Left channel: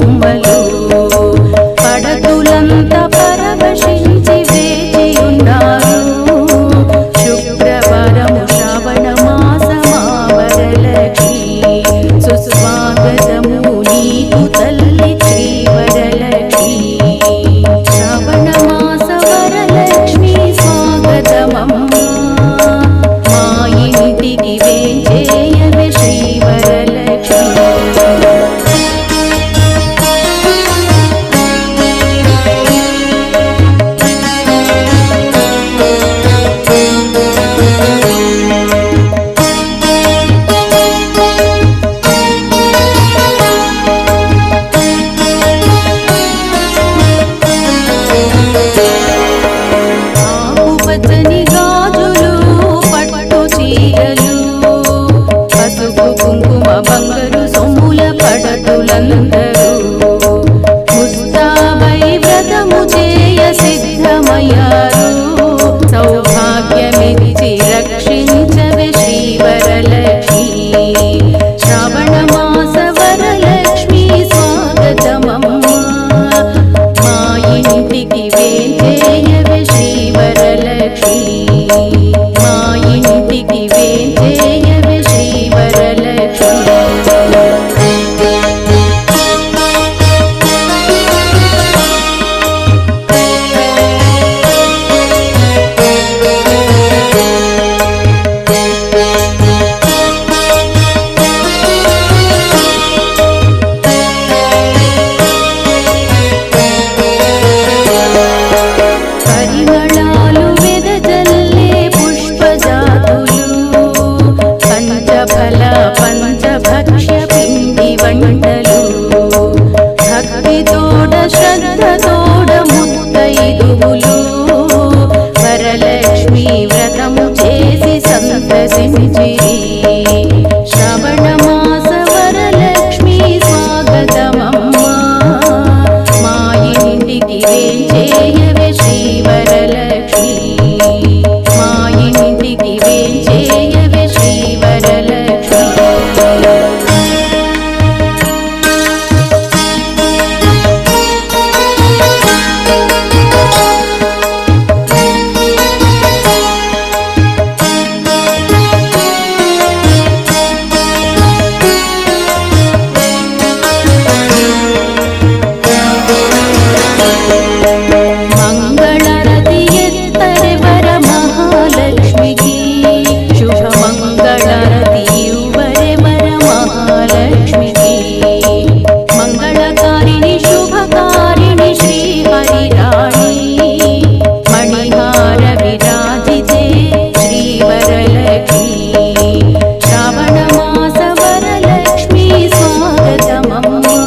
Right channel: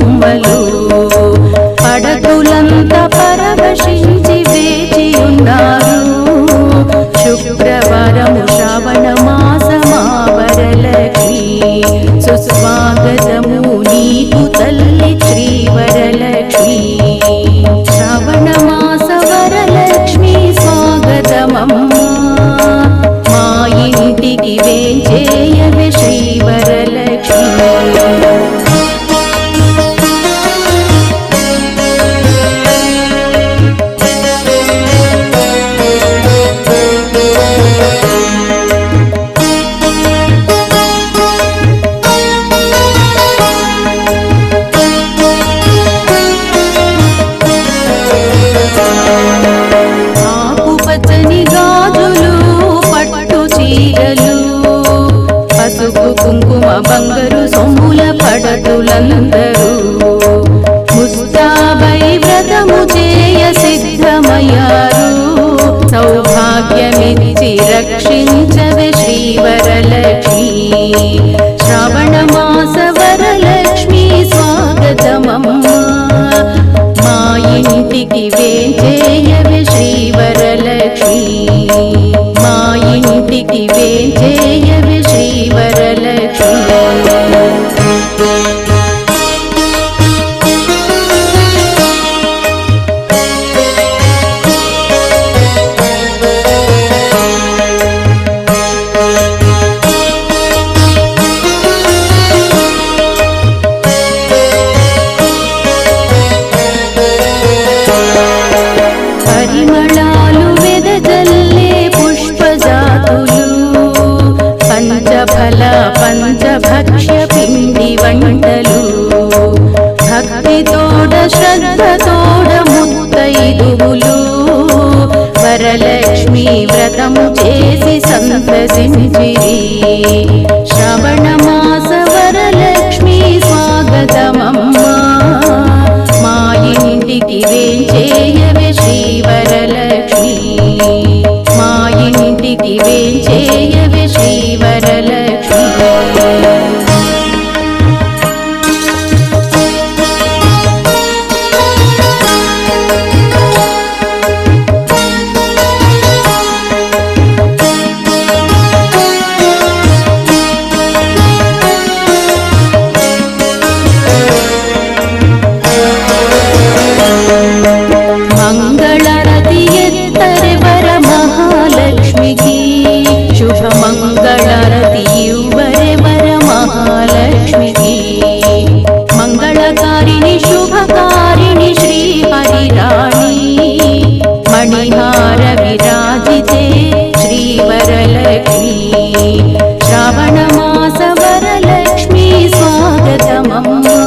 బొమ్మలు పడతులంత పరవశించి వేచియున్నారు శుక్రవారము శ్రావణ మాసమా వరలక్ష్మి సుస్వాగతము నీకు తల్లి శ్రీ వరలక్ష్మి శ్రావణ మాస వరలక్ష్మి స్వాగతమమ్మా మా ఇంటికి వేంచేయవే శ్రీ వరలక్ష్మి పచ్చని గాజులు పట్టు చీరలు పసుపు కుంకుమ బంగారు సొమ్ముల పడతులందరూ ముస్తాబై వ్రతము చేయ సిద్ధమయ్యారు సౌభాగ్యమిచ్చి రక్షించవే శ్రీ వరలక్ష్మి శ్రావణ మాస వరలక్ష్మి స్వాగతమమ్మా మా ఇంటికి వేంచేయవే శ్రీ వరలక్ష్మి మా ఇంటికి వేంచేయవే శ్రీ వరలక్ష్మి పరిమళాలు వెదజల్లే పుష్పజాతులు పంచఫల పంచభక్ష్య పిండి వంటలు భక్తితోడ శ్రద్ధతోడ ముత్తైదువులు వరలక్ష్మి వ్రతము చేసి సంతసించిరి శ్రవణ మాస వరలక్ష్మి స్వాగతమమ్మా మా ఇంటికి వేంచేయవే శ్రీ వరలక్ష్మి మా ఇంటికి వేంచేయవే శ్రీ వరలక్ష్మి శుభమంగళారతి యువరే వర మహాలక్ష్మికి మంగళకారిణి శుభకారిణి శ్రీ హరిరాణి మణిహార విరాజితే శ్రీ వరలక్ష్మి శ్రావణ మాస వరలక్ష్మి స్వాగతమమ్మా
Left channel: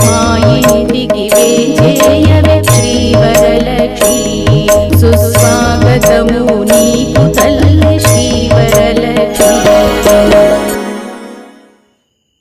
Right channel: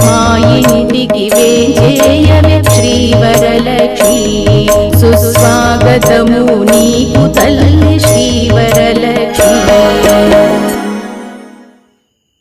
మా ఇంటికి వేంచేయవే శ్రీ వరలక్ష్మి సుస్వాగతము